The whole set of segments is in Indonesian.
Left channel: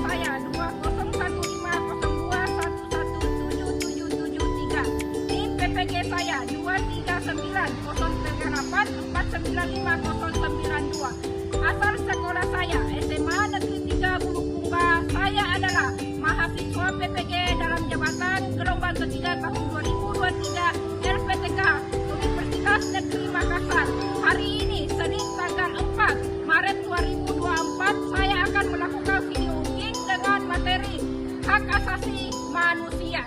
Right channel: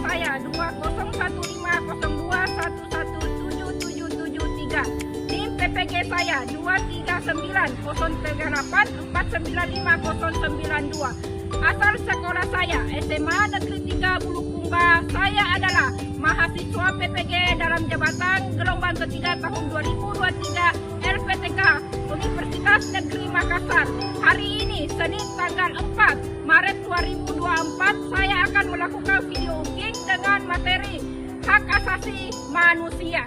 saya 201502117773. NIM PPG saya 2390384950092. Asal sekolah saya SMA Negeri 3 Bulukumba. Saya adalah mahasiswa PPG dalam jabatan gelombang ketiga tahun 2023 LPTK Universitas Negeri Makassar. Hari ini Senin tanggal 4 Maret 2024 saya akan melakukan video ujian dengan materi hak asasi manusia.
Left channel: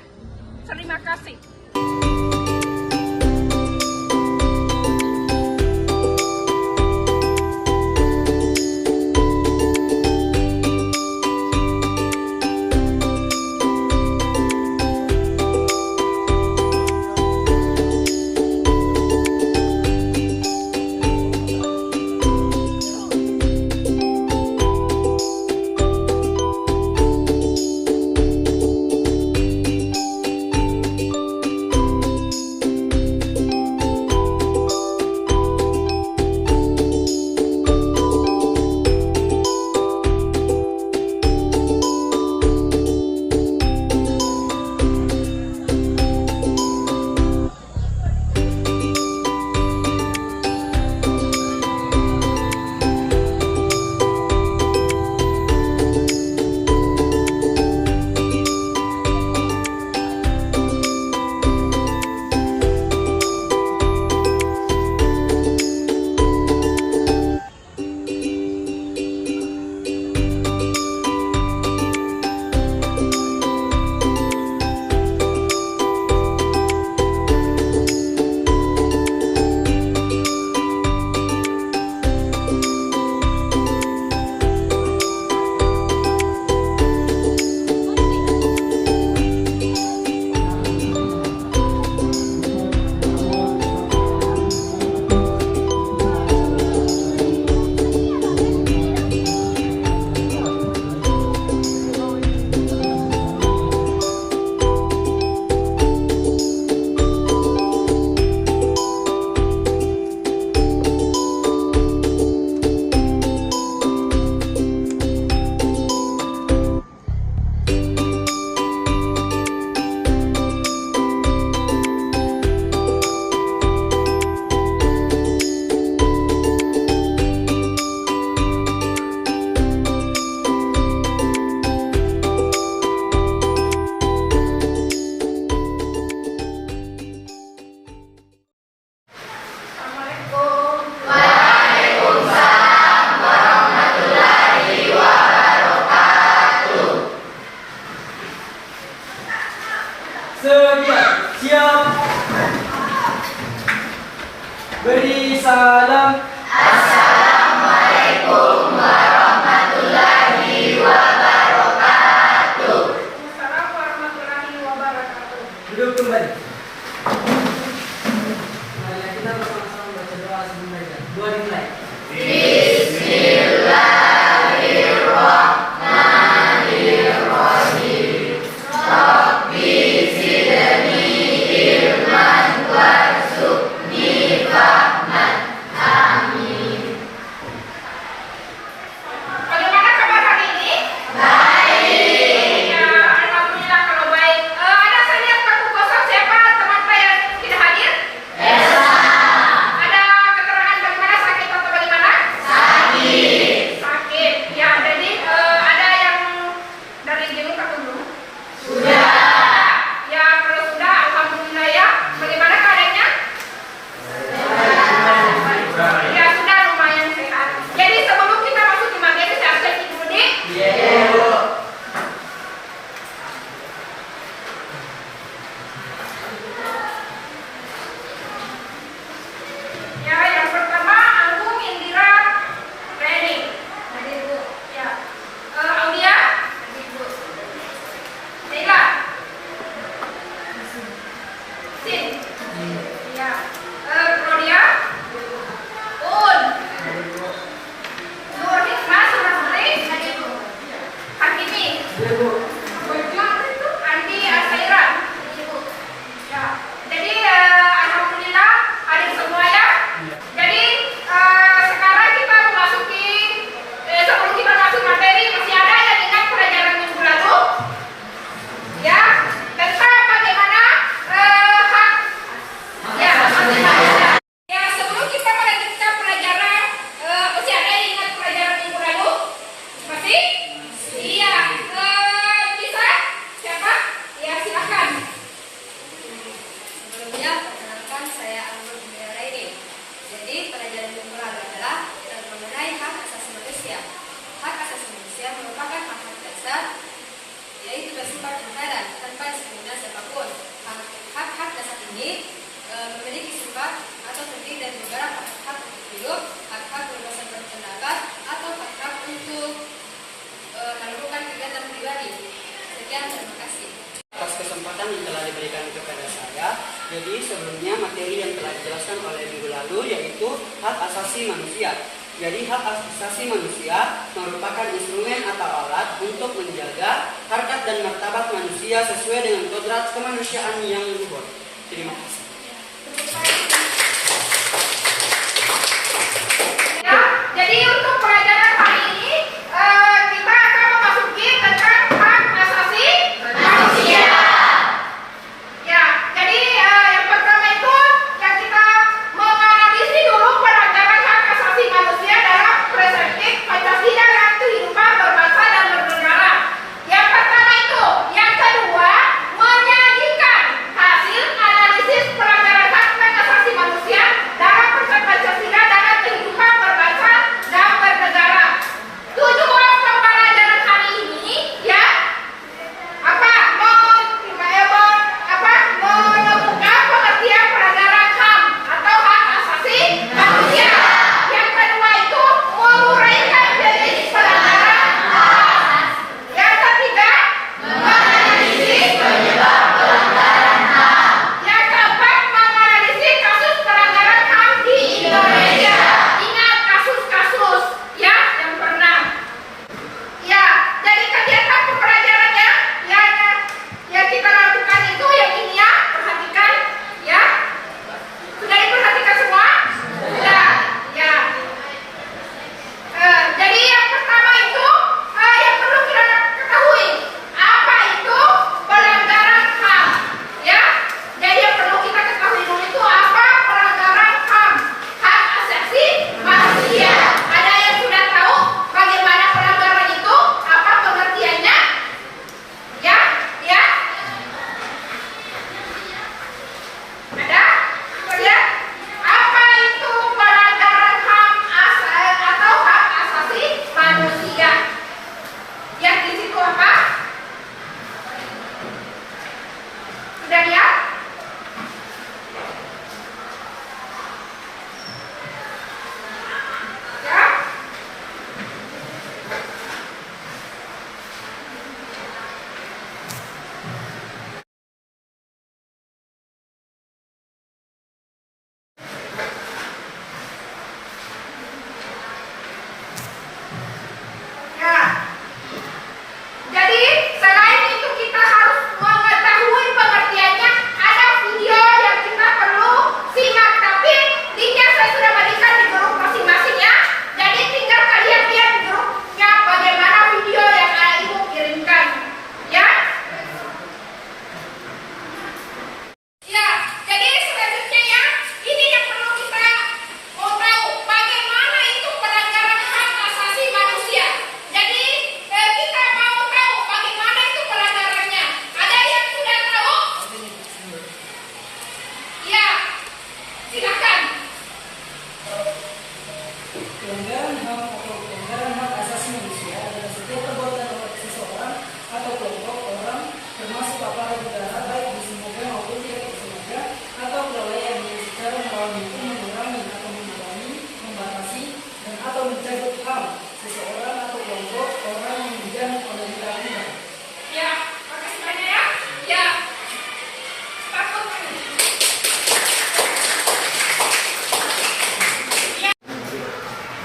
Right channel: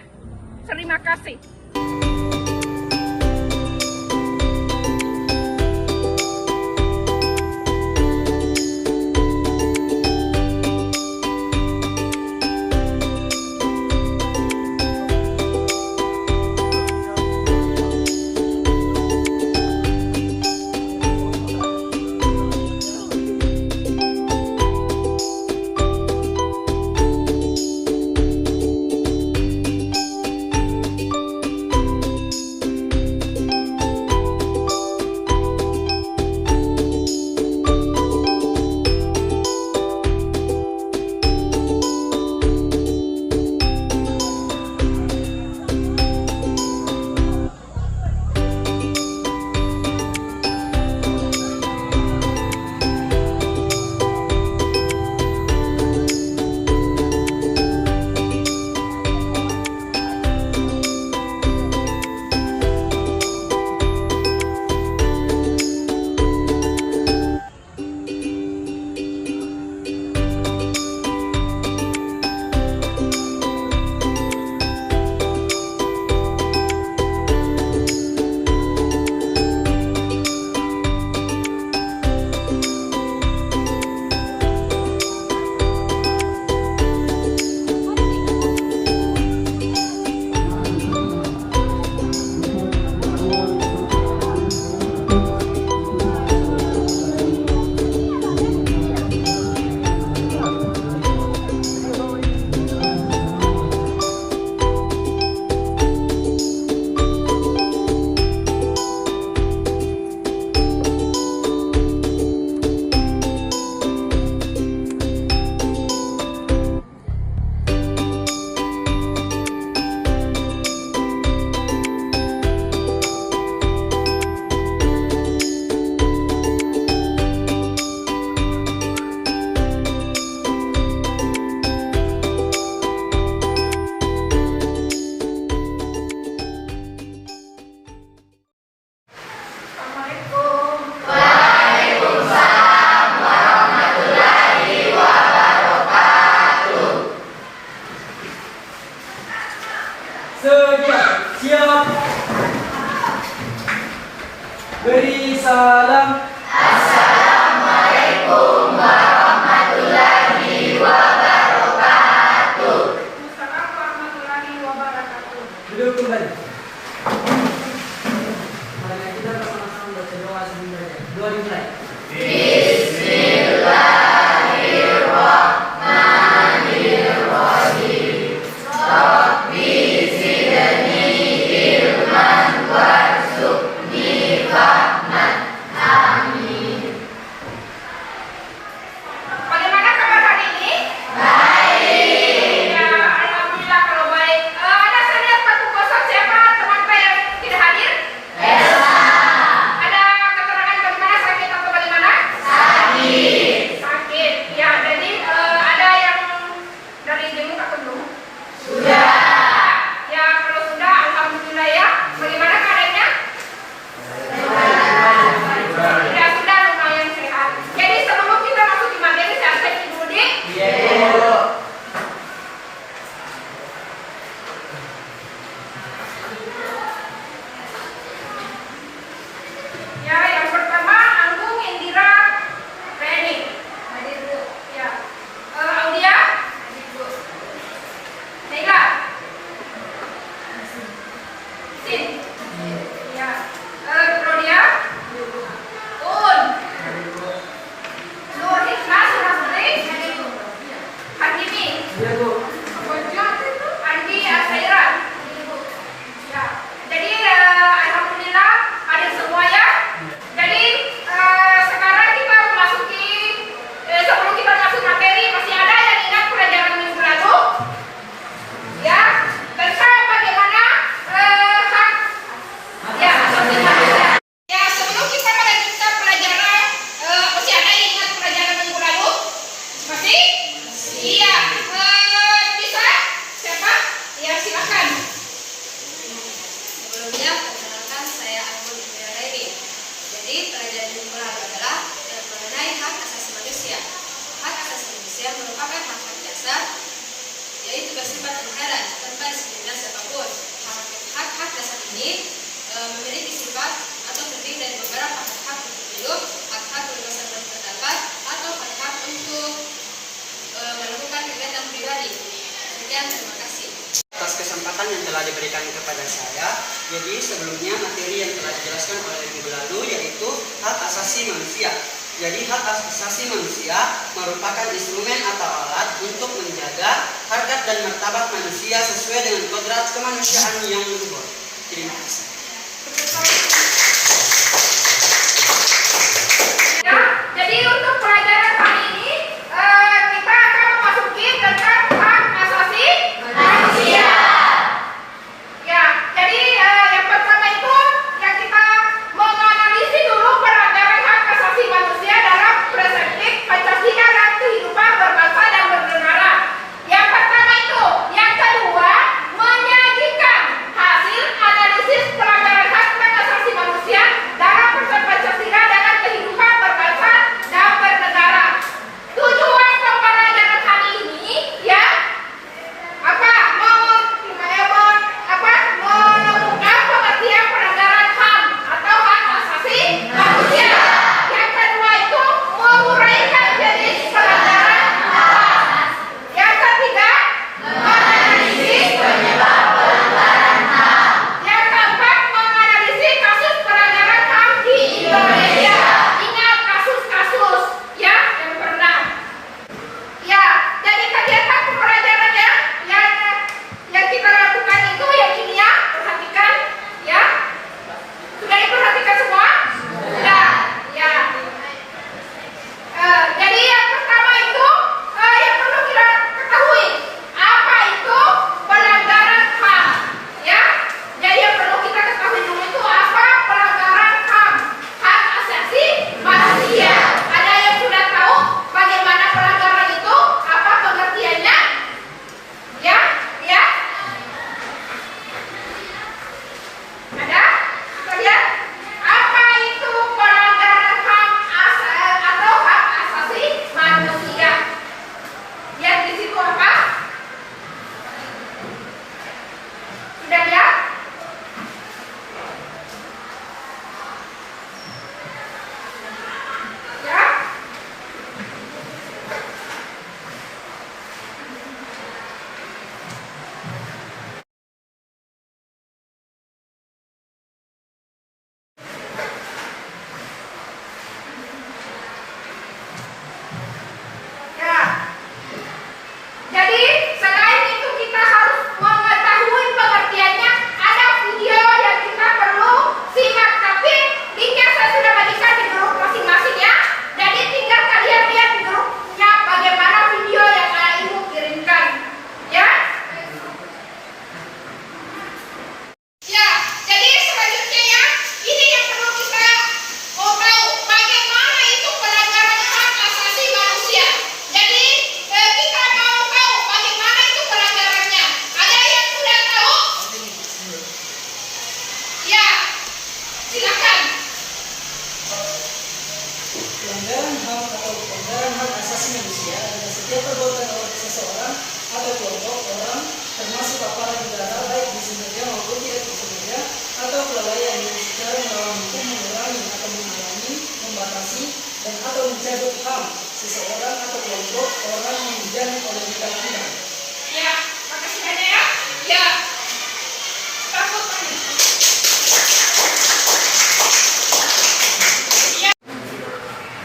Terima kasih. Sedia, siap. Beri salam. Assalamualaikum warahmatullahi wabarakatuh. Assalamualaikum warahmatullahi wabarakatuh. Duduk kembali. Mari kita bersama-sama baca doa sebelum belajar. Doa dimulai. Bismillahirrahmanirrahim. Rabbi zidni ilman warzuqni fahman. Amin. Bagaimana kabar hari ini? Baik. Ya, alhamdulillah kalau baik. Ada saya lihat bangku kosong, siapa teman-teman yang tidak hadir? Esa. Ada keterangan bagaimana sakit atau bagaimana? Sakit. Sakit. Ya, jadi ada yang dari jenguk atau belum? Sudah. Ya, kalau sudah, alhamdulillah ya. Bagaimana keadaannya? Ya, sudah lumayan sehat. Jadi sebelum kita masuk di materi, saya cek dulu nih. Iya. Ya, yang pertama Anggung Indira Reni. Hadir Bu. Ya. Audia? Hadir Bu. Mega. Sin. Ya. Rodia? Un. Nur Hikmah Surasari? Hadir Bu. Hakimi? Iya, Bu. Andi Asairan? Hadir Bu. Ya. Jadi alhamdulillah hadir semua ya. Jadi sekarang kita memasuki sebelum kita masuk materi masih ada yang ingat pelajaran bangsa, yaitu bersifat inherent tanpa diskriminasi apapun. Hak-hak dasar ini memiliki sifat atau terdiri dari beberapa hak untuk hidup, hak-hak kebebasan berpendapat, atau hak-hak untuk melakukan kegiatan pribadi. Sekian, terima kasih. Atas kesempatan yang telah diberikan kepada saya, jadi sebelumnya materi yang telah dijelaskan oleh minggu lalu yaitu hak asasi manusia. Jadi hak asasi manusia merupakan instrumen atau alat untuk menjaga harkat dan martabat manusia sesuai dengan kodrat kemanusiaan yang luhur. Terima kasih. Ya, jadi untuk pelajaran kali ini kita akan memasuki tentang hak asasi manusia. Ya, jadi yang pertama itu yang kita menganalisis dulu pelanggaran hak asasi manusia dalam perspektif Pancasila dan kehidupan berbangsa dan bernegara. Yang pertama itu, yang kedua menyajikan hasil analisis pelanggaran hak asasi manusia dalam perspektif Pancasila dan kehidupan berbangsa dan bernegara. Tujuan pembelajaran hari ini ya menemukan pengertian pelanggaran HAM atau hak asasi manusia. Yang kedua itu menguraikan jenis pelanggaran HAM. Yang ketiga menganalisis penyebab pelanggaran HAM. Yang keempat menganalisis kasus pelanggaran HAM di Indonesia. Ingat kasus-kasus ya yang pernah. Ya, jadi kegiatan pembelajarannya yang kita lakukan itu yang ini ya, perhatikan ya. Sudah diperhatikan semua? Sudah. Ya. Jadi yang pertama itu yang perlu kita ketahui apa itu pelanggaran HAM. Ya. Jadi yang perlu kita ketahui dulu itu apa pelanggaran HAM, hak asasi manusia. Ada yang sudah tahu bagaimana pelanggaran itu? Apa pengertiannya? Ya, ya. Ada? Kalian? Apa itu pelanggaran HAM atau hak asasi manusia? Lihat di situ apa? Sudah lihat? Ya? Ya. Jadi selain itu kita harus mengetahui pengertiannya. Ada video yang kita perlu simak, tapi linknya saya sudah bagikan di grup masing-masing ya. Jadi tinggal kalian lihat di grupnya bagaimana video yang ibu kirimkan. Ya. Ya, jadi selanjutnya ya, ini yang perlu kita mau tahu bagaimana itu pelanggaran hak asasi manusia. Jadi kita mau tahu bagaimana itu pelanggarannya. Ada yang sudah tahu? Ya, silakan. Pelanggaran HAM atau pelanggaran hak asasi manusia adalah setiap perbuatan oleh seseorang atau kelompok orang, termasuk aparat negara baik disengaja maupun tidak disengaja, atau kelalaian yang secara melawan hukum mengurangi atau menghalangi, membatasi, dan atau mencabut HAM seseorang atau kelompok orang yang dijamin oleh undang-undang. Ya, makasih banyak ya. Ya. Takut banget.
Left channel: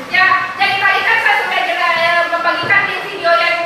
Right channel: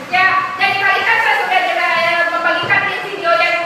Ya, jadi tadi kan saya sudah membagikan di video yang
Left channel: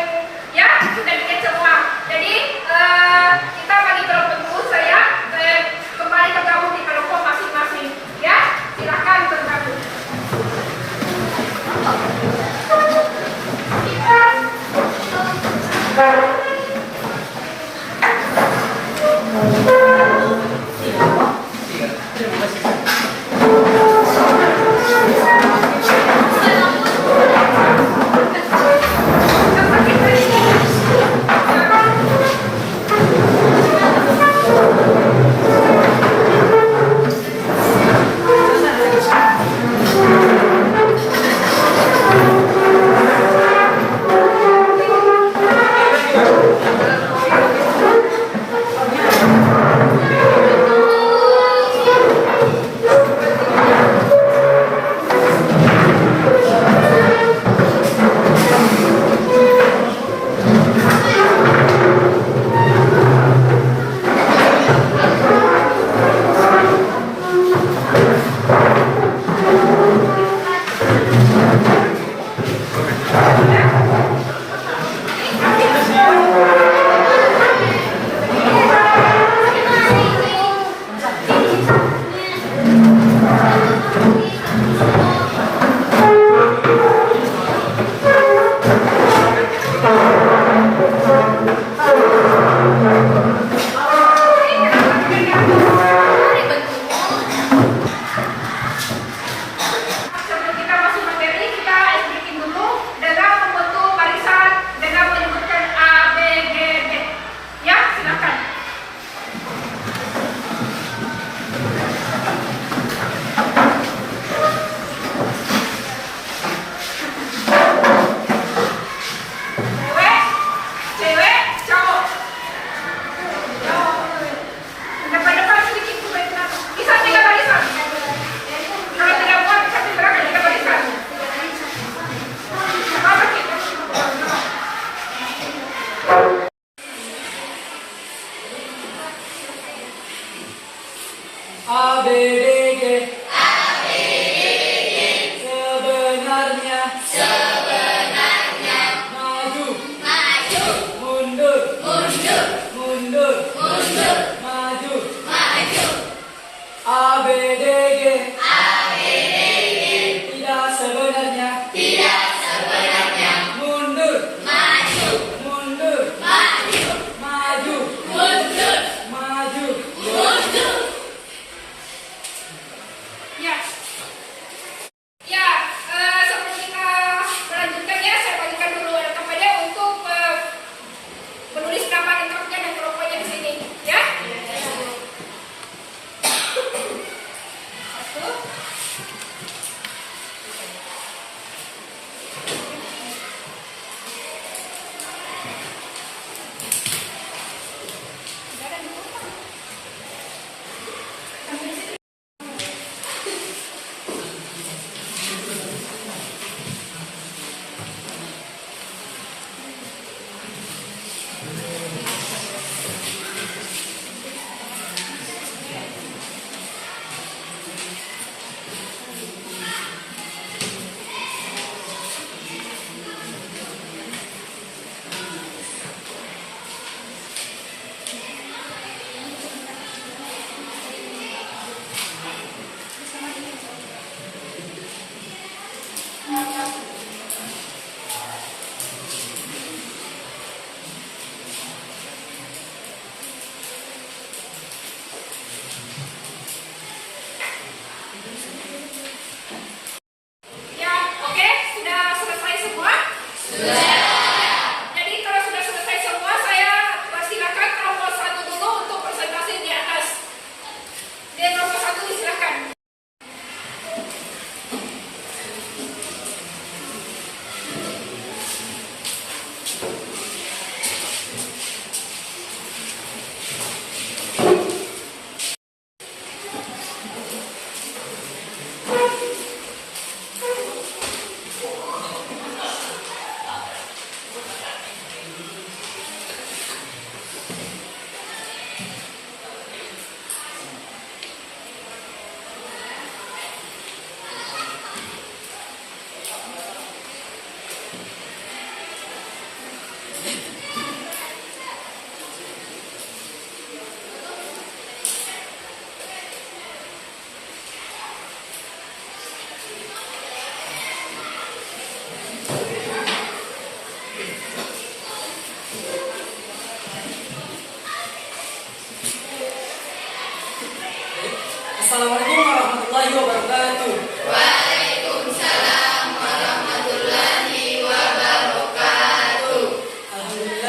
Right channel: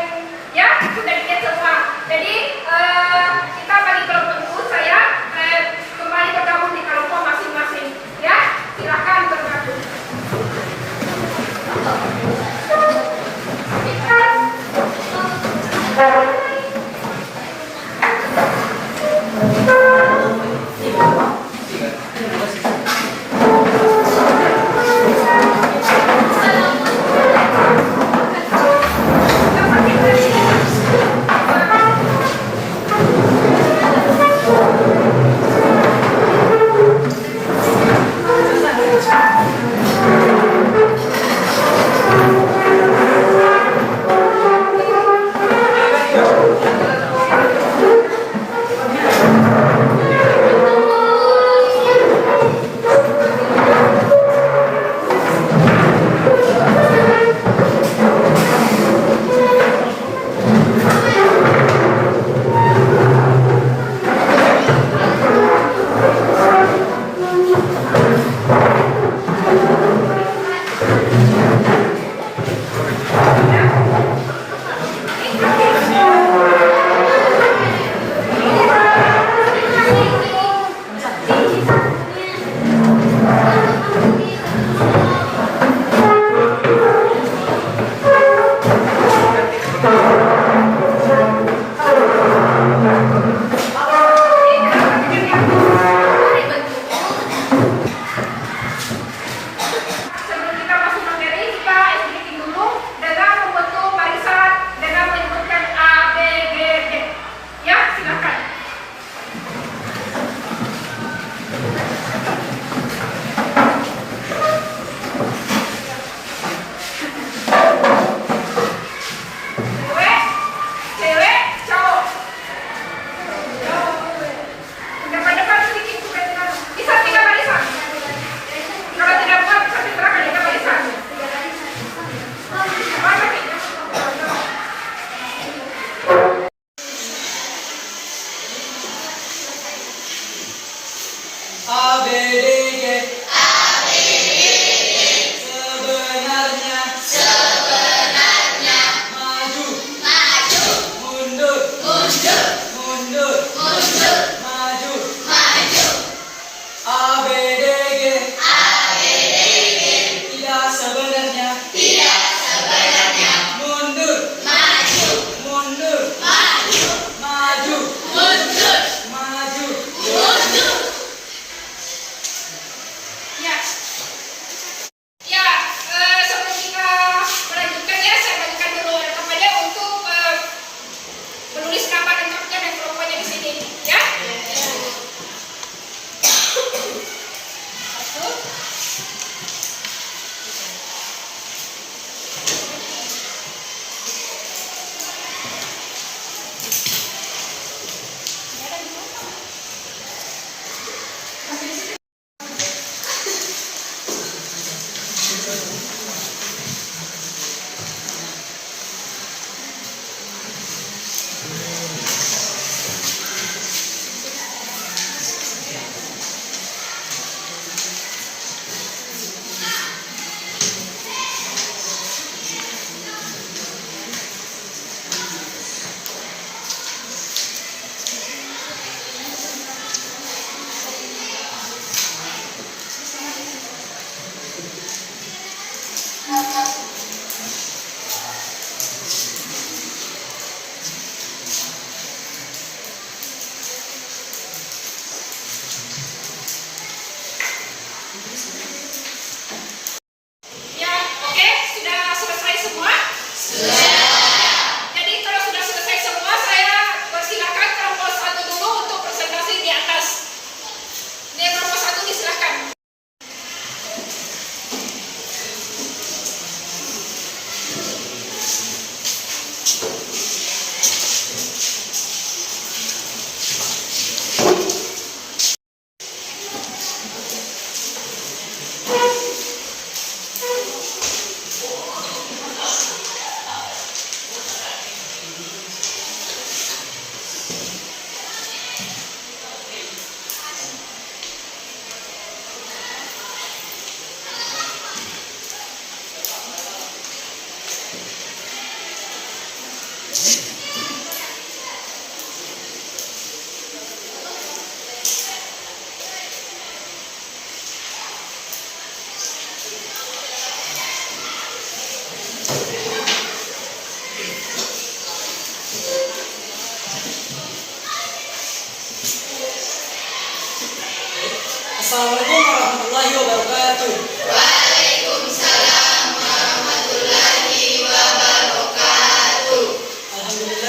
Assalamualaikum warahmatullahi wabarakatuh.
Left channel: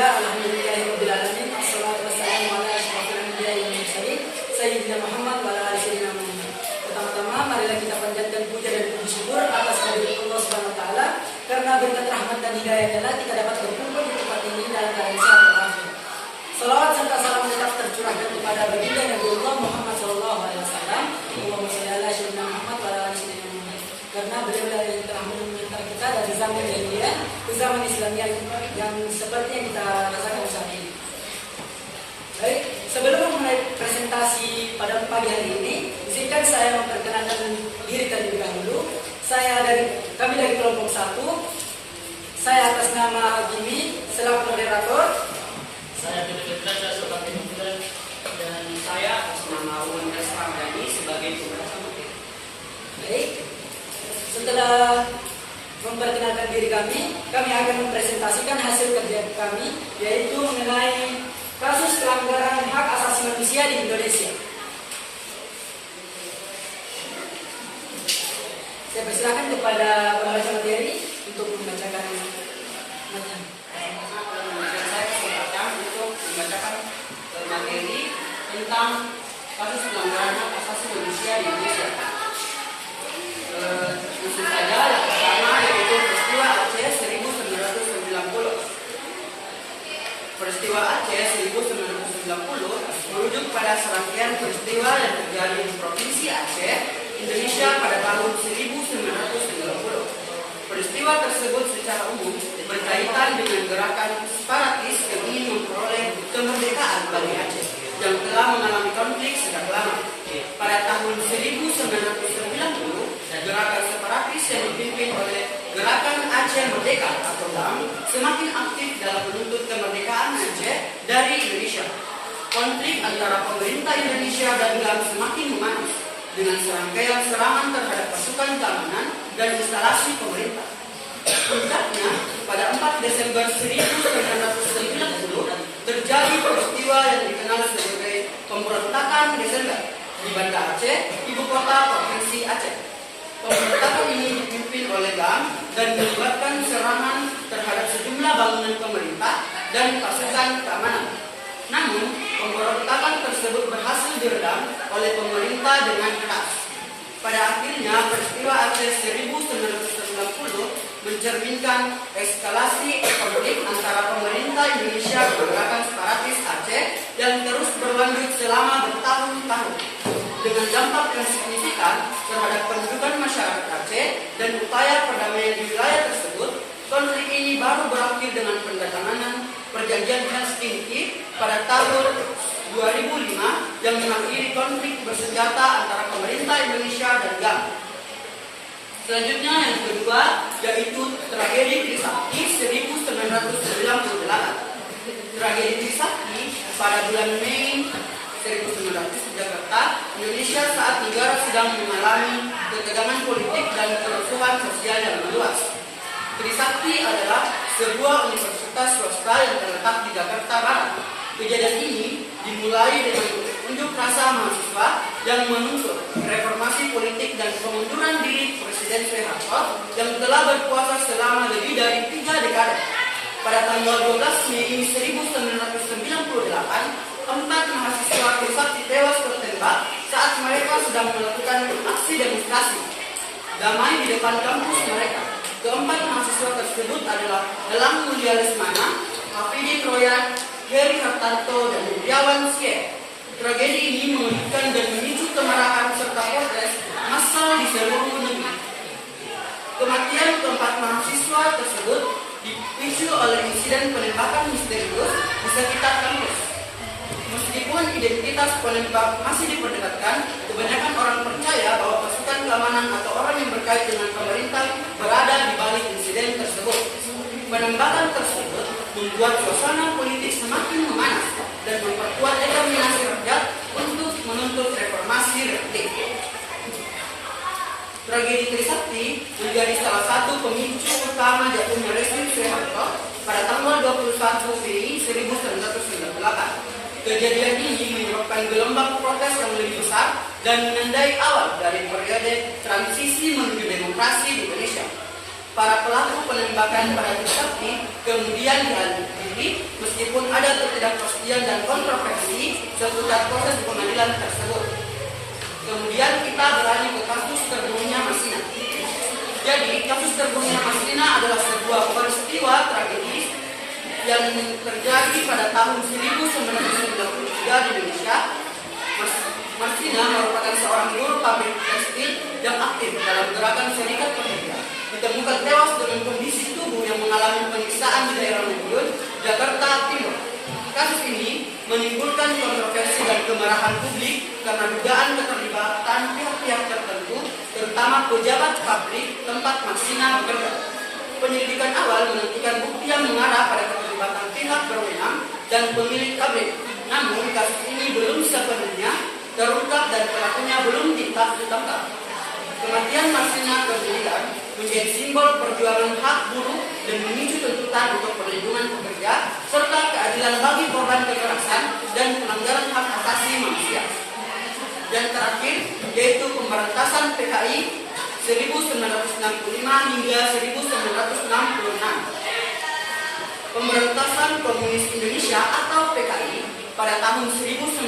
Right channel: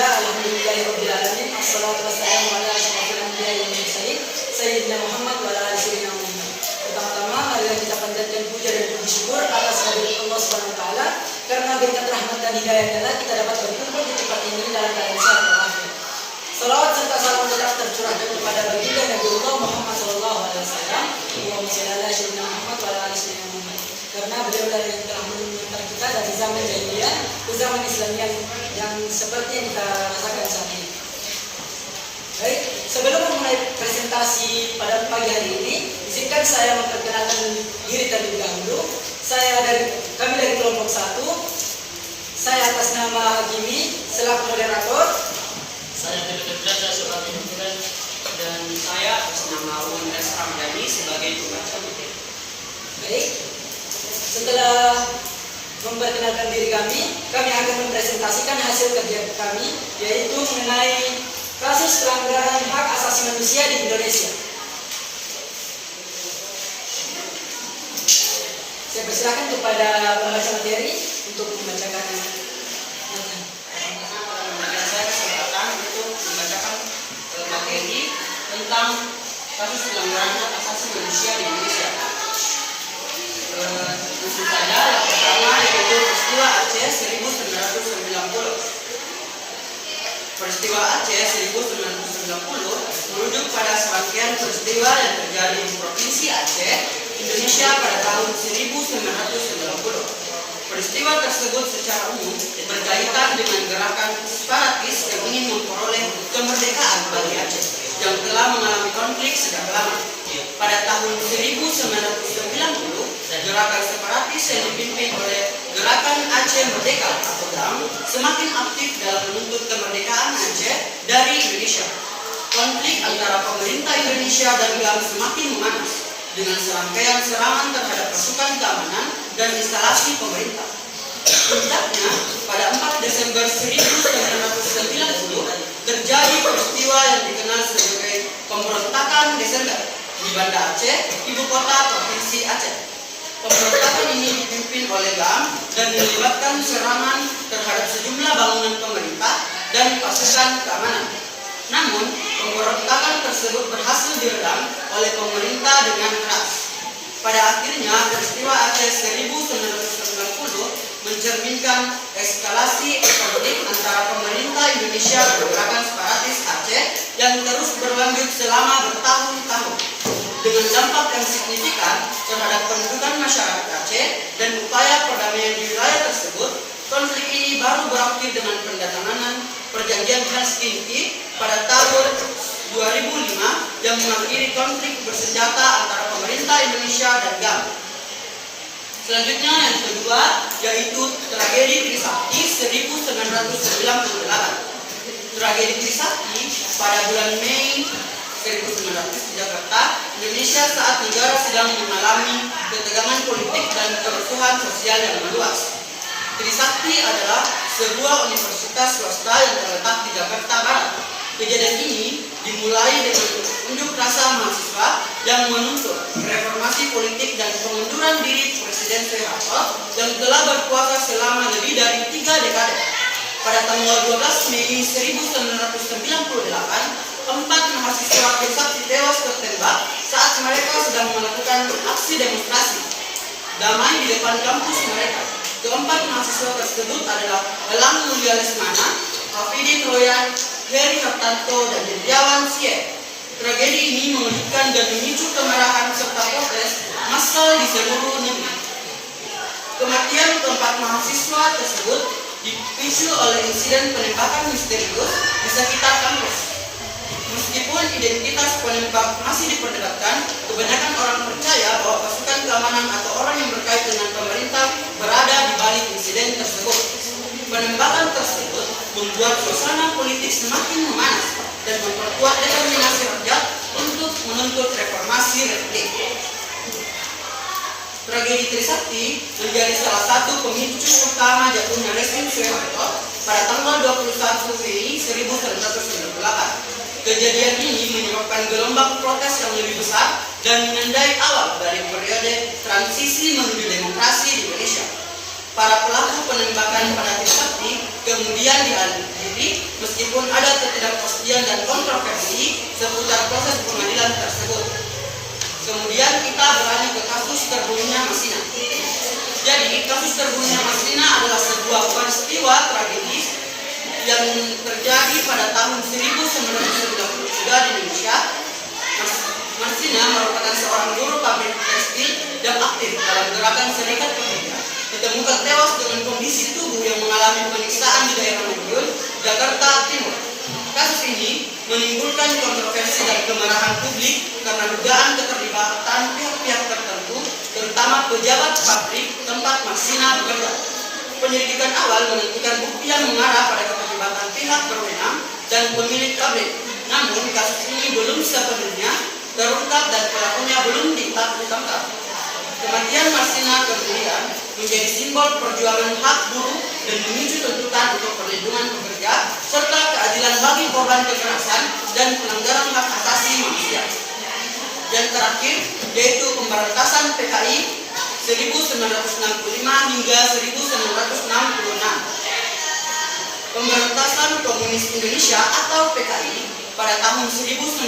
Alhamdulillahirabbil alamin. Assalatu wassalamu ala asyrofil anbiya'i wal mursalin sayyidina Muhammad wa ala ali sayyidina Muhammad. Pertama-tama marilah kita panjatkan puja dan puji syukur atas kehadirat Allah Subhanahu wa taala karena berkat rahmat dan hidayahnya kita dapat berkumpul di tempat ini dalam keadaan sehat walafiat. Salawat serta salam tetap tercurahkan kepada baginda Nabi Allah Muhammad sallallahu alaihi wasallam. Allahumma shalli ala sayyidina Muhammad wa ala ali sayyidina Muhammad. Karena beliau yang telah mengantar kita dari zaman jahiliyah ke zaman Islamiyah yang seperti yang kita rasakan saat ini. Baik, sebelum memulai presentasi pada pagi hari ini, izinkan saya memperkenalkan diri terlebih dahulu. Kami dari kelompok 1. Saya atas nama Hakimi selaku moderator. Saya Tibet Belajar sebagai pimpinan dan saya atas nama Wondres Ramadhani sebagai pembaca materi. Baik, setelah memperkenalkan diri kami akan mempresentasikan hasil kerja kami, yaitu mengenai kasus pelanggaran hak asasi manusia di Indonesia. Saya persilakan kepada pembaca materi untuk membacakan materi. Memberikan saya kesempatan untuk membacakan materi tentang kasus pelanggaran hak asasi manusia di Indonesia. Langsung saja, yang pertama yaitu peristiwa Aceh 1990. Peristiwa Aceh 1990 merujuk pada serangkaian peristiwa yang terjadi di Provinsi Aceh, Indonesia pada tahun 1990. Peristiwa tersebut secara umum berkaitan dengan gerakan separatis yang ingin memperoleh kemerdekaan bagi Aceh yang telah mengalami konflik sejak lama. Pada tahun 1990, gerakan separatis yang dipimpin oleh Gerakan Aceh Merdeka atau GAM semakin aktif dalam menuntut kemerdekaan Aceh dari Indonesia. Konflik antara pemerintah Indonesia dan GAM semakin memanas dengan serangkaian serangan terhadap pasukan keamanan dan instalasi pemerintah. Puncaknya, pada 4 Desember 1990 terjadi peristiwa yang dikenal sebagai pemberontakan Desember di Banda Aceh, ibu kota Provinsi Aceh. Pemberontakan ini dipimpin oleh GAM dan melibatkan serangan terhadap sejumlah bangunan pemerintah dan pasukan keamanan. Namun, pemberontakan tersebut berhasil diredam oleh pemerintah dengan keras. Pada akhirnya, peristiwa Aceh 1990 mencerminkan eskalasi konflik antara pemerintah Indonesia dan gerakan separatis Aceh yang terus berlanjut selama bertahun-tahun. Dengan dampak yang signifikan terhadap pendudukan masyarakat Aceh dan upaya perdamaian di wilayah tersebut, konflik ini baru berakhir dengan pendatanganan Perjanjian Helsinki pada tahun 2005 yang mengakhiri konflik bersenjata antara pemerintah Indonesia dan GAM. Selanjutnya yang kedua yaitu tragedi Trisakti 1998. Tragedi Trisakti pada bulan Mei 1900 di Jakarta, Indonesia saat negara sedang mengalami ketegangan politik dan kerusuhan sosial yang meluas. Trisakti adalah sebuah universitas swasta yang terletak di Jakarta Barat. Kejadian ini dimulai dengan unjuk rasa mahasiswa yang menuntut reformasi politik dan pengunduran diri Presiden Soeharto yang telah berkuasa selama lebih dari 3 dekade. Pada tanggal 12 Mei 1998, 4 mahasiswa Trisakti tewas tertembak saat mereka sedang melakukan aksi demonstrasi damai di depan kampus mereka. Keempat mahasiswa tersebut adalah Elang Mulia Lesmana, Hafidi Troyan, Heri Hartanto, dan Hendrawan Sie. Tragedi ini mengejutkan dan memicu kemarahan serta protes massal di seluruh negeri. Kematian keempat mahasiswa tersebut dipicu oleh insiden penembakan misterius di sekitar kampus. Meskipun identitas penembak masih diperdebatkan, kebanyakan orang percaya bahwa pasukan keamanan atau orang yang berkait dengan pemerintah berada di balik insiden tersebut. Penembakan tersebut membuat suasana politik semakin memanas dan memperkuat determinasi rakyat untuk menuntut reformasi republik. Tragedi Trisakti menjadi salah satu pemicu utama jatuhnya rezim Soeharto pada tanggal 21 Mei 1998. Kejadian ini menyebabkan gelombang protes yang lebih besar dan menandai awal dari periode transisi menuju demokrasi di Indonesia. Para pelaku penembakan pada Trisakti kemudian diadili meskipun ada ketidakpastian dan kontroversi seputar proses pengadilan tersebut. Kemudian kita beralih ke kasus terbunuhnya Masina. Jadi kasus terbunuhnya Masina adalah sebuah peristiwa tragis yang terjadi pada tahun 1993 di Indonesia. Masina merupakan seorang buruh pabrik tekstil yang aktif dalam gerakan serikat pekerja. Ditemukan tewas dengan kondisi tubuh yang mengalami penyiksaan di daerah Madiun, Jakarta Timur. Kasus ini menimbulkan kontroversi dan kemarahan publik karena dugaan keterlibatan pihak-pihak tertentu, terutama pejabat pabrik tempat Masina bekerja. Penyelidikan awal menentukan bukti yang mengarah pada keterlibatan pihak berwenang dan pemilik pabrik. Namun kasus ini belum sepenuhnya terungkap dan pelakunya belum ditangkap. Kematian Masina kemudian menjadi simbol perjuangan hak buruh dan memicu tuntutan untuk perlindungan pekerja serta keadilan bagi korban kekerasan dan pelanggaran hak asasi manusia. Dan terakhir yaitu pemberantasan PKI 1965 hingga 1966. Pemberantasan Komunis Indonesia atau PKI pada tahun 1965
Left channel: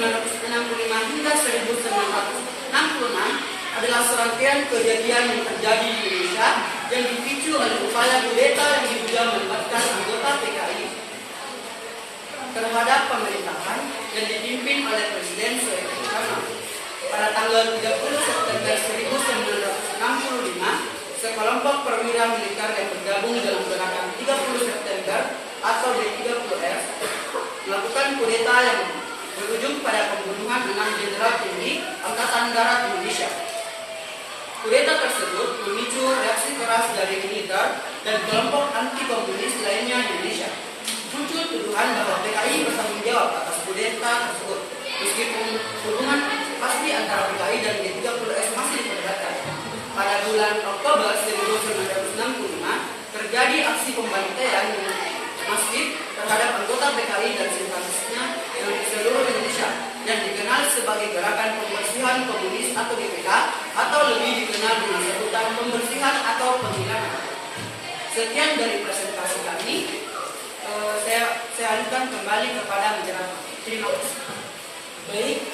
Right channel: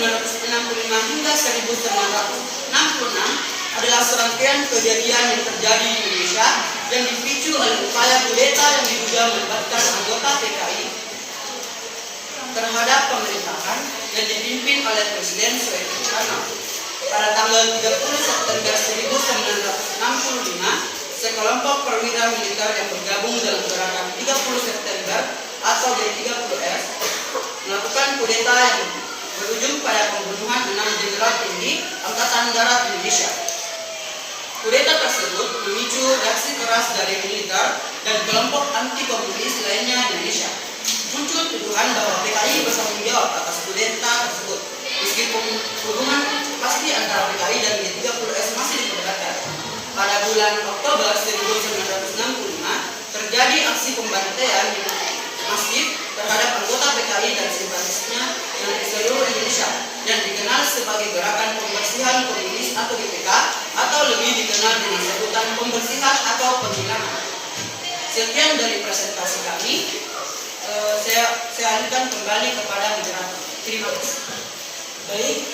hingga 1966 adalah serangkaian kejadian yang terjadi di Indonesia yang dipicu oleh upaya kudeta yang diduga melibatkan anggota PKI terhadap pemerintahan yang dipimpin oleh Presiden Soekarno. Pada tanggal 30 September 1965, sekelompok perwira militer yang bergabung dalam gerakan 30 September atau G30S melakukan kudeta yang berujung pada pembunuhan 6 jenderal tinggi Angkatan Darat Indonesia. Kudeta tersebut memicu reaksi keras dari militer dan kelompok anti-komunis lainnya di Indonesia. Muncul tuduhan bahwa PKI bertanggung jawab atas kudeta tersebut, meskipun hubungan pasti antara PKI dan G30S masih diperdebatkan. Pada bulan Oktober 1965 terjadi aksi pembantaian di masjid terhadap anggota PKI dan simpatisnya di seluruh Indonesia yang dikenal sebagai Gerakan Pembersihan Komunis atau GPK atau lebih dikenal dengan sebutan pembersihan atau penghilangan. Sekian dari presentasi kami. Saya alihkan kembali kepada moderator. Terima kasih. Baik,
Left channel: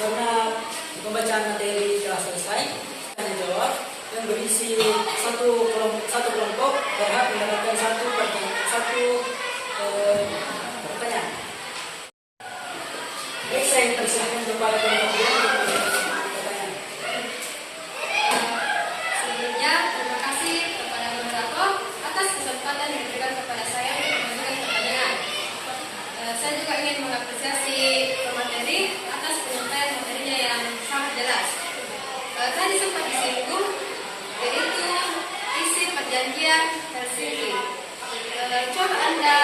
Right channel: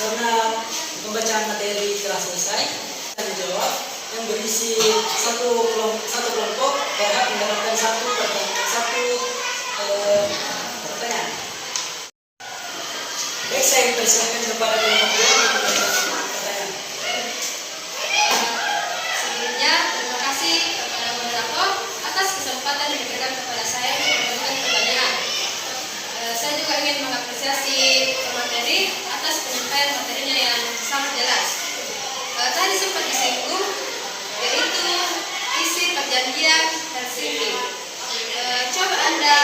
karena pembacaan materi telah selesai, akan dijawab yang berisi satu kelompok berhak mendapatkan satu pertanyaan. Baik, saya persilakan kepada kelompok dua untuk pertanyaan. Sebelumnya, terima kasih kepada moderator atas kesempatan yang diberikan kepada saya untuk mengajukan pertanyaan. Saya juga ingin mengapresiasi pemateri atas penyampaian materinya yang sangat jelas. Tadi sempat disinggung, yaitu isi perjanjian Helsinki. Coba Anda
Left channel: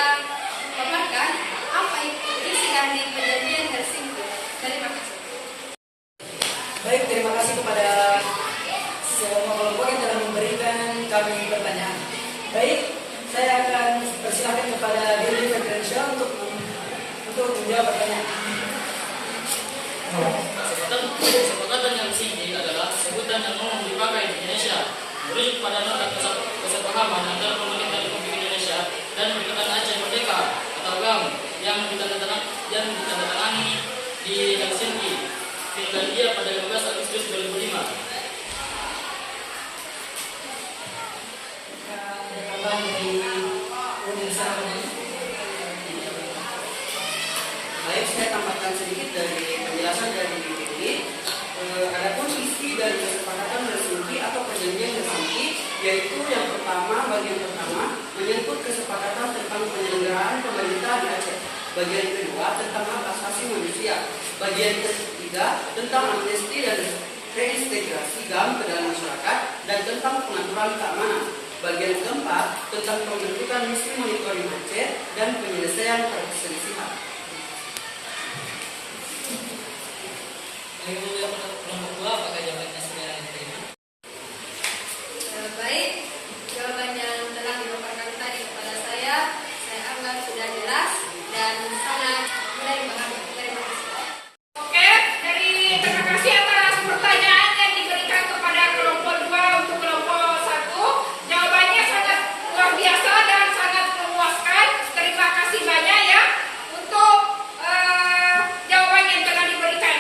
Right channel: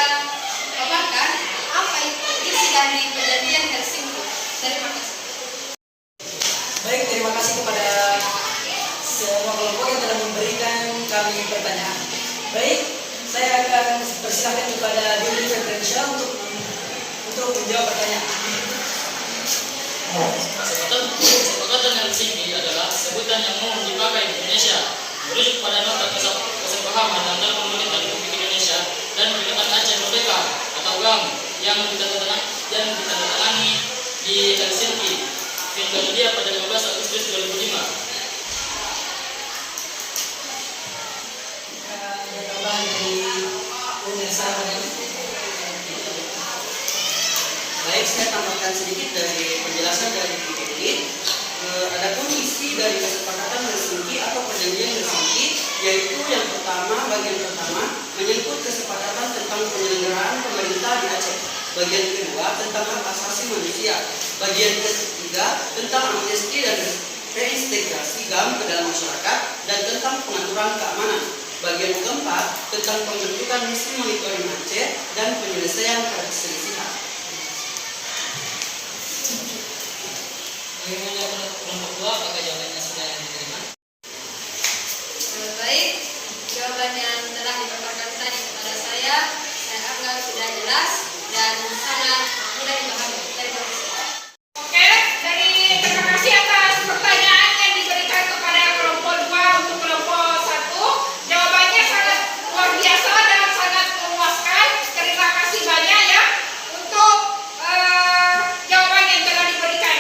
paparkan apa itu isi dari perjanjian Helsinki. Terima kasih. Baik, terima kasih kepada semua kelompok yang telah memberikan kami pertanyaan. Baik, saya akan persilahkan kepada Diri Fekrensyah untuk menjawab pertanyaan. Kesepakatan Helsinki adalah sebutan yang umum dipakai di Indonesia, merujuk pada nota kesepahaman antara pemerintah Republik Indonesia dan Kedutaan Aceh Merdeka atau GAM yang ditandatangani di Helsinki, Finlandia pada 15 Agustus 2005. membacakan sedikit dari penjelasan dari ini. Adapun isi dari kesepakatan Helsinki atau perjanjian Helsinki, yaitu yang pertama, bagian pertama menyangkut kesepakatan tentang penyelenggaraan pemerintah di Aceh. Bagian kedua tentang hak asasi manusia. Bagian ketiga tentang amnesti dan reintegrasi GAM ke dalam masyarakat dan tentang pengaturan keamanan. Bagian keempat tentang pembentukan misi monitoring Aceh dan penyelesaian perselisihan. Bagaimana kelompok dua, apakah jawabannya sudah diterima? Baik, jawaban yang telah dipaparkan tadi kepada saya anggap sudah jelas dan sangat mudah dipahami. Terima kasih. Oke, terima kasih atas pertanyaan yang diberikan kepada kelompok 2 untuk kelompok 1. Jawabannya sangat luar biasa dan sangat memuaskan. Terima kasih banyak ya untuk jawaban yang telah diberikan.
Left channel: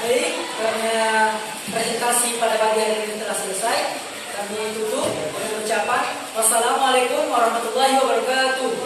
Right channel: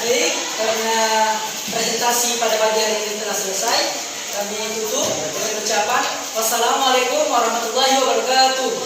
Baik, karena presentasi pada pagi hari ini telah selesai, kami tutup dengan ucapan wassalamualaikum warahmatullahi wabarakatuh.